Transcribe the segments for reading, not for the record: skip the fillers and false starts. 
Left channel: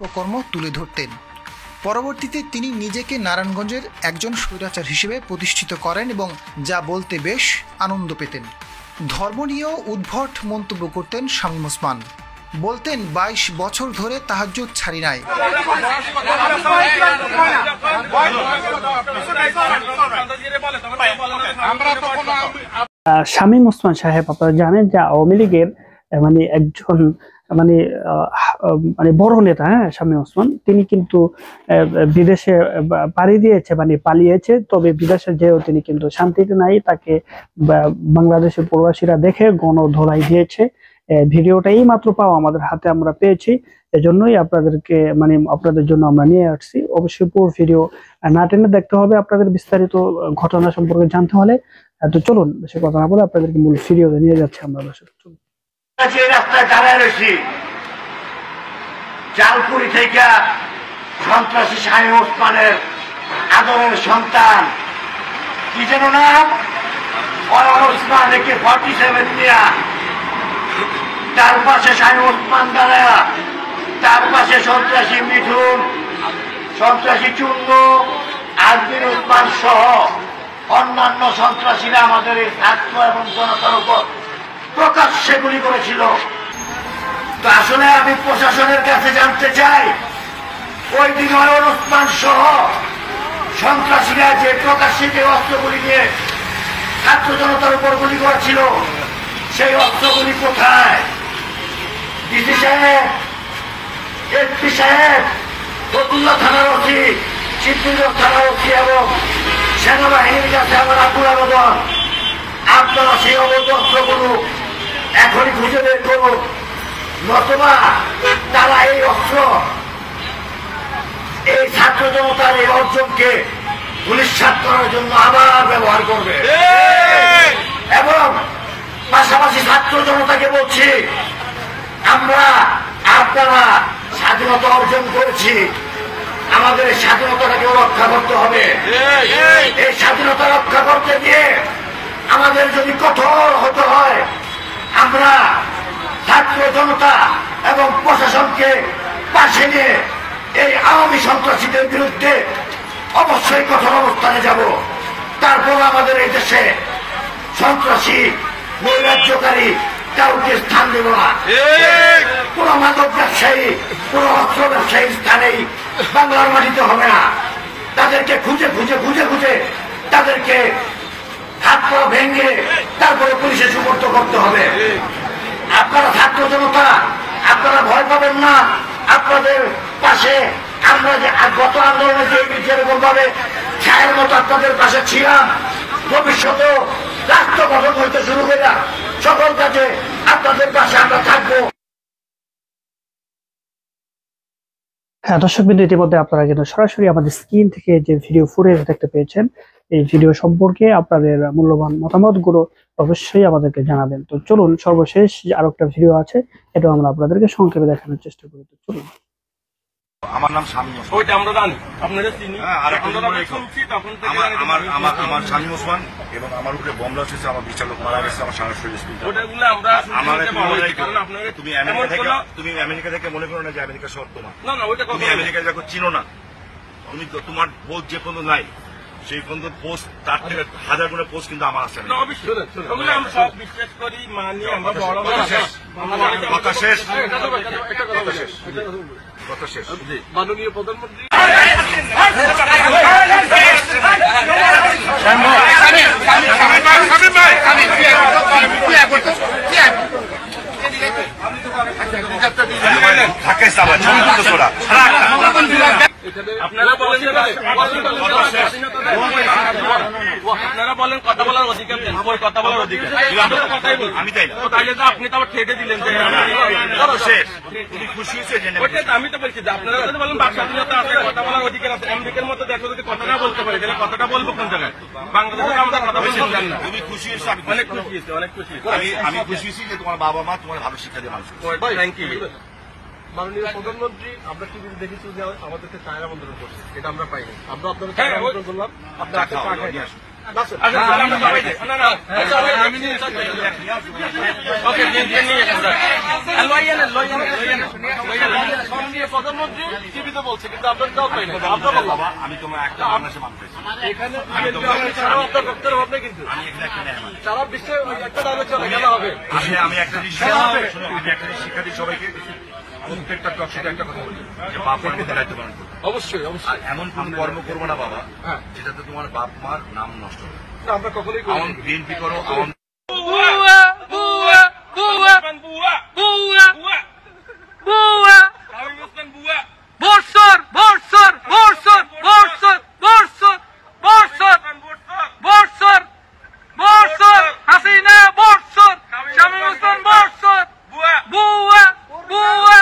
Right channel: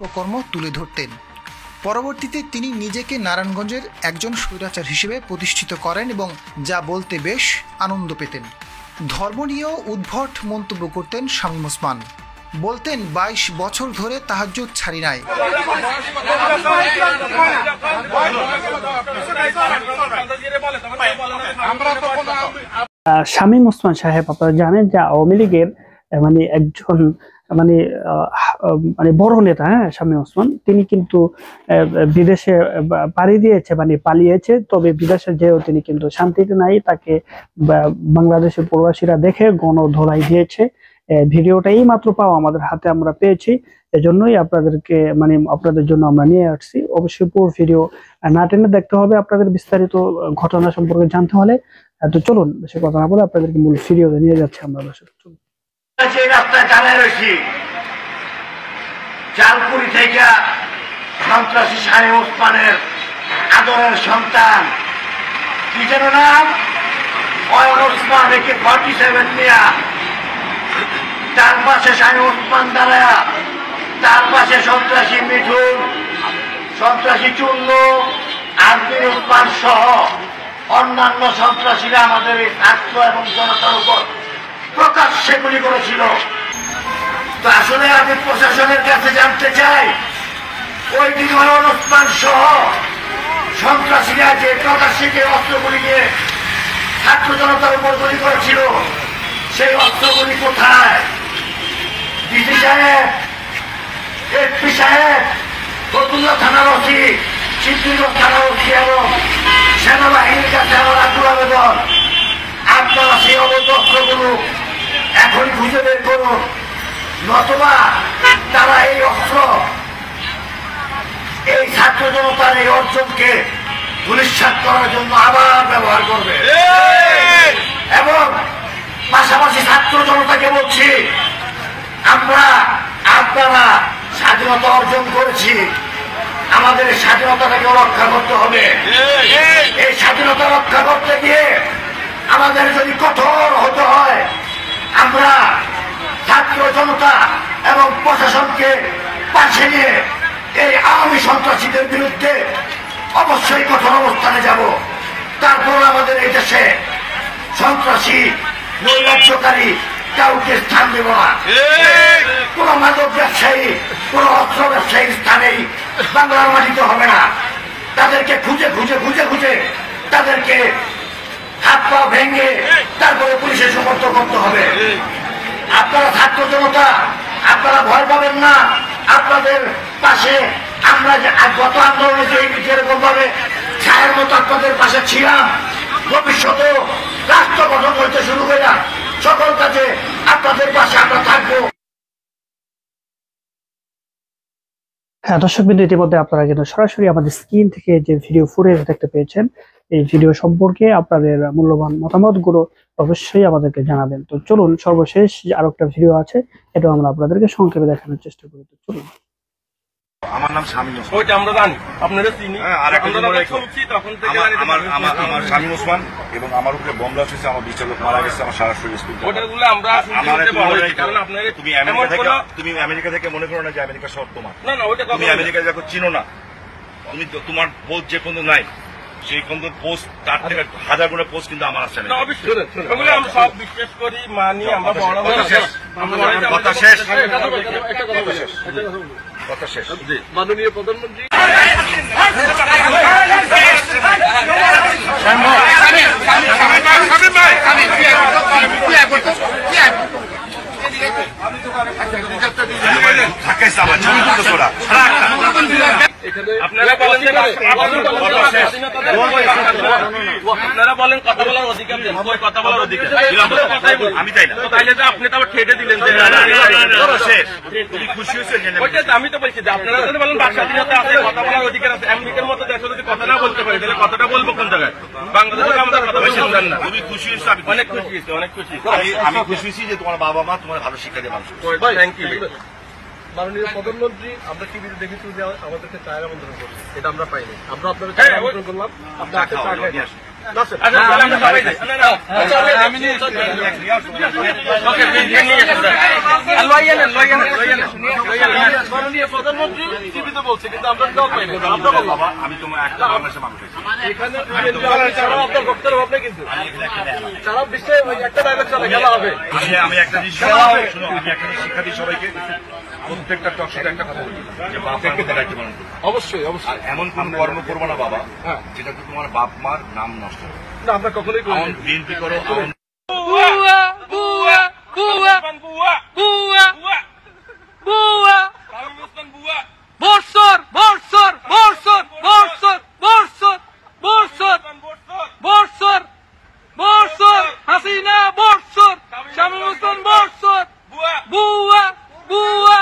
অপকর্ম তুলে ধরতেন। পরবর্তীতে তিনি নিজেকে নারায়ণগঞ্জের একজন স্বৈরাচার হিসেবে প্রতিষ্ঠিত করেন এবং যা বলতে বেশ আনন্দ পেতেন। ধর্ম নিয়েও উদ্ভট মন্তব্য করতেন শামীম ওসমান। বলতেন ২২ বছর ধরে তাহাজ্জুদ ছাড়ি নাই। শামীম ওসমান সাহেব, আপনারা জানেন যে আওয়ামী লীগের একজন বড় নেতা। হ্যাঁ, শামীম ওসমান তিনি কিন্তু বিদেশে পাড়ি দিয়েছে, পালিয়েছে। তবে বিদেশে যেও তিনি কিন্তু শান্তিতে নাই। তাকে বাংলাদেশের প্রবাসীরা দেখে গণধোলাই দিয়েছে। ভিডিওটা এই মাত্র পাওয়া আমাদের হাতে আমরা পেয়েছি, এজন্যই আপনাদেরকে আপনাদের জন্য আমরা নিয়ে আসছি। অবশ্যই পুরো ভিডিও না টেনে দেখতে হবে আপনাদের বিস্তারিত ঘটনা সম্পর্কে জানতে হলে। তো চলুন বেশি কথা না বলে আপনাদেরকে মূল ভিডিওতে নিয়ে যাচ্ছি আমরা। রাস্তায় দাঁড়ায় রয়েছি, চালপুরি থেকে সন্ত্রাসী শামীম ওসমানের আদরের সন্তান কি যেন নাম, অয়ন ওসমান, একে 47 নিয়া তার পাশে শামীম ওসমান দাঁড়া, তার পাশে সন্ত্রাসী মিঠুন, সন্ত্রাসী চুন্নু, আজমির ওসমান সহ অন্যান্য সন্ত্রাসীরা আমাদের এই ছাত্র এবং জনতার উপর প্রকাশ্যে গুলি করেছিল। তো আসলে আমি প্রশাসনের কাছে জানতে চাই, ওই দিন অয়ন ওসমান সহ সন্ত্রাসীরা যে প্রকাশ্যে অস্ত্রগুলি নিয়ে ছাত্র জনতার উপর গুলি করেছিল, সেই অস্ত্রগুলি কোথায়? ডিসি সাহেব, এসপি সাহেব, ফতুল্লা থানার ওসি, সিদ্ধিরগঞ্জ থানার ওসি এবং সেনাবাহিনীর কাছে আমার আকুল আবেদন, আপনারা সেই অবৈধ অস্ত্রগুলো এখনই খুঁজে বের করুন, নতুবা তারা এই অস্ত্র এই ছাত্র জনতার এই অর্জনকে ধূলিসাৎ করার জন্য আবার ব্যবহার করবে। এবং পাশাপাশি ছাত্র জনতাকে বলছি, আপনারা স্বাধীনতা অর্জন করেছি, আমাদের এই স্বাধীনতাটাকে রক্ষা করতে হবে। এই স্বাধীনতা রক্ষা করতে গিয়ে আমাদের যদি কঠোর হতে হয়, আমরা ছাত্র জনতা এবং প্রশাসনকে পাশে নিয়ে এই আওয়ামী সন্ত্রাসীদের বিরুদ্ধে অবশ্যই কঠোর অবস্থানে যাব। তারপর আমাদের এই দেশে সন্ত্রাসী, নৈরাজ্যকারী কাউকে স্থান দেব না। কোন মাদক ব্যবসায়ী, কোন অস্ত্র ব্যবসায়ী স্থানেই বাংলার মাটিতে হবে না। তাদেরকে খুঁজে খুঁজে খুঁজে খুঁজে তাদেরকে হাত পা ভেঙে তারপরে পুলিশে সুপর্দ করতে হবে। আপনারা ছাত্র জনতা, আপনারা ভয় পাবেন না, আপনাদের পাশে আমরা যে গত আন্দোলনে যেরকম ভাবে ছায়ের মতো আপনাদের পাশে ছিলাম, ভবিষ্যতেও রাষ্ট্র গঠন হইতে শুরু করে সকল কাজে আপনাদের পাশে আমরা থাকবো। হ্যাঁ দর্শকবৃন্দ, ইতিমধ্যে আপনারা কিন্তু সরাসরি আমাদের স্ক্রিন থেকে যে ভিডিও ফুটেজ দেখতে পেয়েছেন, এই ভিডিও সম্পর্কে আপনাদের মূল্যবান মতামতগুলো অবশ্যই আমাদেরকে জানাবেন। তো চলুন সর্বশেষ আরো একটা ভিডিও আছে, এটা আমরা আপনাদেরকে সংক্ষেপে দেখানোর চেষ্টা করি। তো চলুন। আমার নাম শামীম ওসমান। ওইটা আমরা জানি, আপনারা চিনি। আমার শামীম ওসমান এবং আমার উপরে বোম ব্লাস্ট হয়েছে, আমার বিচারক মারা গেছে, আমার সারা শরীর স্কুল। তুমি আমেরিকা থেকে মনে করো না যে আমেরিকা শহর তোমার। তুমি আমেরিকা যখন চিনো না, তুমি তোমার বোধ যে কোনো নাই, সেই কোন পোস্ট তার থেকে 1000 গুণে পোস্ট কিন্তু আমার আছে না। আমি সব বিশ্বাস করি, মানি। আমরা কথা শেষ। কথা শেষ। মাননীয় প্রধানমন্ত্রী আপনারা বলেন কথা বলার অধিকার, কথা বলার অধিকার আমি তাই না, তাইলে তো আপনি তো আবার ঠেটে দিলেন। আমি তো বলছি যে আপনারা যদি বলেন বাক স্বাধীনতা আছে, কথা বলার অধিকার আছে, আমেরিকার মতো দেশে যদি কথা না বলতে পারি, তাহলে কথাটা বলবো কোন জায়গায়? বাংলাদেশে আমরা কথা বলছিলাম না। তুমি খুশি হয়েছো? অনেক খুশি হয়েছি, অনেক খুশি। আমি খুশি হয়েছি যে তোমার বাবা মা তোমার ভালো শিক্ষা দিয়ে মানুষ। Thank you. মাননীয় প্রধানমন্ত্রী, আমরা টিভিতে দেখেছি যে আমাদেরকে চায়ের আমন্ত্রণ করছে, ওটা আমরা পাইনি। আমরা আপনাদের আমন্ত্রণ করলাম, আপনি প্রধানমন্ত্রী টিভিতে বলছে, কিন্তু আমরা আমি তোমার একটা বাংলাদেশের মানুষ আপনার বক্তব্য হবে, কিন্তু সারা বিশ্বে একটা ডায়লগ চলে গেল হবে। আমি একটা শিক্ষা দিই সবাইকে, প্রত্যেকটা টক শোতে একটা কথা বলি যে বাপকে দায়িত্ব পালন করবে। অবশ্যই অবশ্যই এমন কোন কর্ম করবো না বাবা যেটাতে তোমার বাপ মার নাম নষ্ট হবে। আমরা কখনোই বিএনপি করো বর্ষর বর্ষর বর্ষর বর্ষর বর্ষর বর্ষর বর্ষর বর্ষর হাসিনা বর্ষর শামীম হোসেন বর্ষর বুয়া বুয়া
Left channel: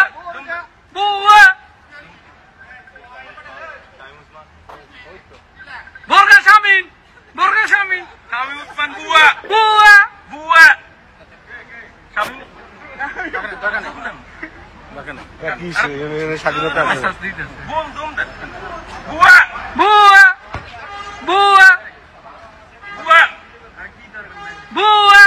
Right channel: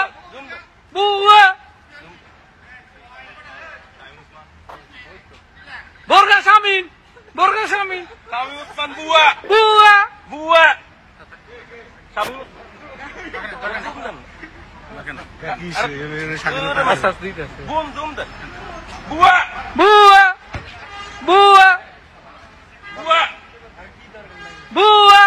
বুয়া বর্গা শামীম শামীম ওসমান বুয়া বুয়া বুয়া শামীম স্বাধীনতা বুয়া বুয়া বুয়া বুয়া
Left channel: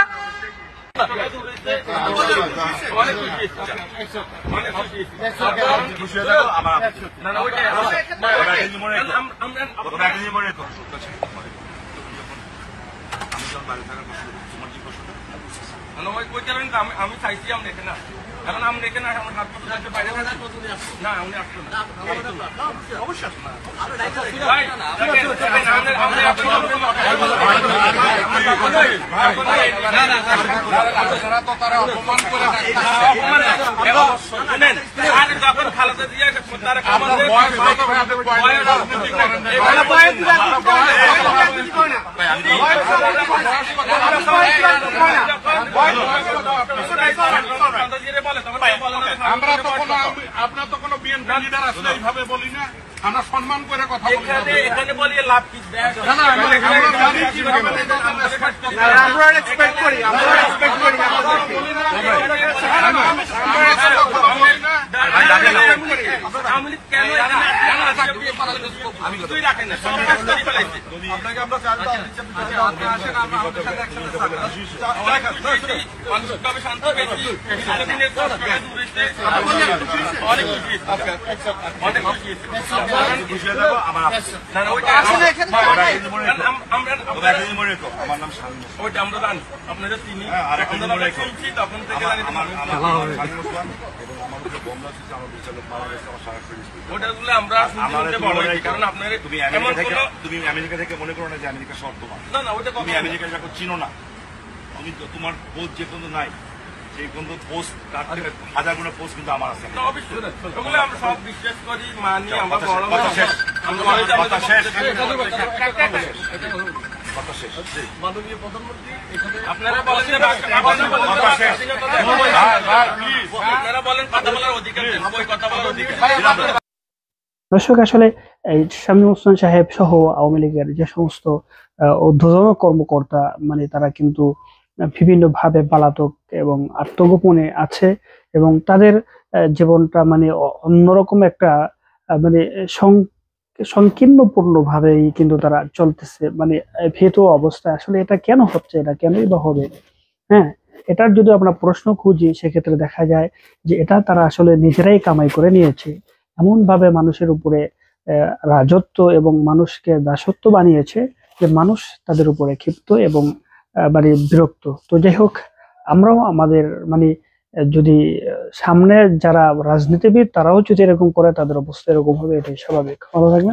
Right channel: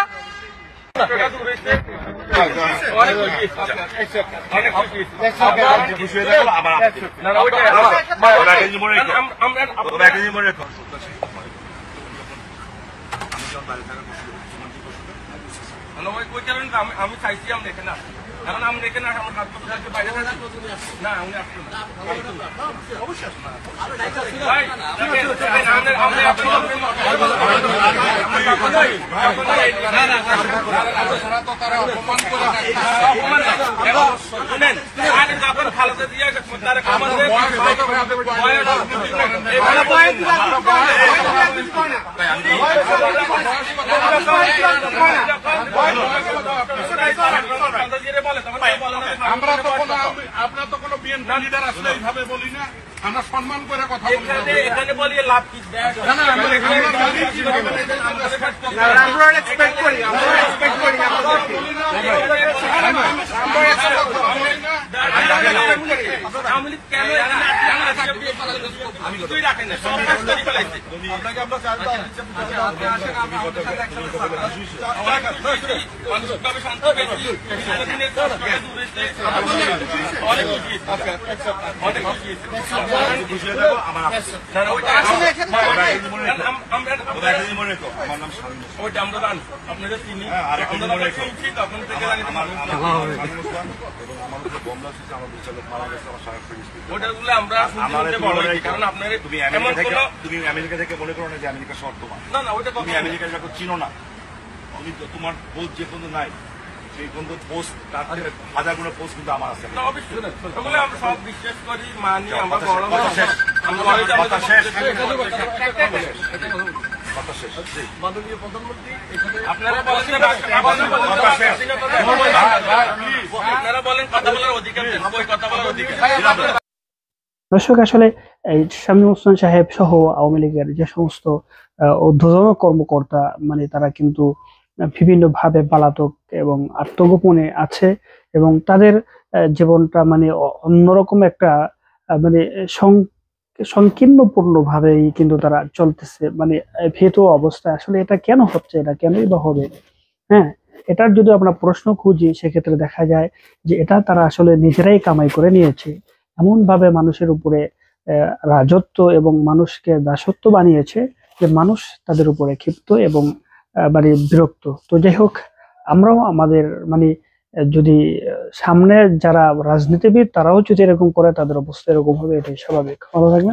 আমি চাইছি আমি দেখে না, এখন আমি দেখে না আমার হাত পথে যাচ্ছে বাইরে না উনি আসতো না অবশ্যই যখন খালাতে দিয়ে তারা আপনার তো কোনো বিএনপি লিডার আসলে এইভাবে বলি না, আমরা সম্মান করে কথা বলি। এখানে বলিয়ে লাভ কি? কেন কিছুই রাখেন না, সব ফেলাইছে। আপনাকে আমরা মানসিকভাবে শান্ত পেয়েছি, অনেক খুশি আমার নাম ওইটা আমরা জানি, আপনারা চিনি, তখন থেকে ওটাগুলো আমরা কারণ আপনার তুমি আমেরিকা থেকে মনে করো না যে আমেরিকা শর্ত না না, ওটা তুমি আমেরিকা যখন চিনো না, তুমি তোমার পোস্ট যে পর্যন্ত নাই সেই পর্যন্ত পোস্ট তার থেকে হাজার গুলো পোস্ট কিন্তু আমার আছে। ওগুলো আমরা সব বিশ্বাস করি, মানি, আমরা বড় মাননীয় প্রধানমন্ত্রী আপনারা বলেন আপনারা বলেন কথা বলার অধিকার, কথা বলার অধিকার। দর্শক, আসলে এই শামীম ওসমান সাহেব সহ আওয়ামী লীগের যে সমস্ত ঊর্ধ্বতন কর্মকর্তা মানে তারা কিন্তু বিভিন্ন ভাবে পলাতক এবং আত্মগোপনে আছে এবং তাদের জীবনটা মানে অন্যরকম একটা মানে সংকীর্ণপূর্ণ ভাবেই কিন্তু তারা চলতেছে, মানে ভীত অবস্থায়। আসলে এটা কেন হচ্ছে, এটা কেনই বা হবে? হ্যাঁ, এটার যদি আমরা প্রশ্ন খুঁজি সেক্ষেত্রে দেখা যায় যে এটা তারা আসলে নিজেরাই কামাই করে নিয়েছে, এমন ভাবে মানুষের উপরে রাজত্ব এবং মানুষকে দাসত্ব বানিয়েছে যে মানুষ তাদের উপরে ক্ষিপ্ত এবং মানে বিরক্ত। তো যাই হোক, আমরাও আমাদের মানে যদি সামনে যারা রাজনীতিবিদ তারাও যদি এরকম করে তাদের অবস্থা এরকম হবে, এটাই স্বাভাবিক। ভালো থাকবেন।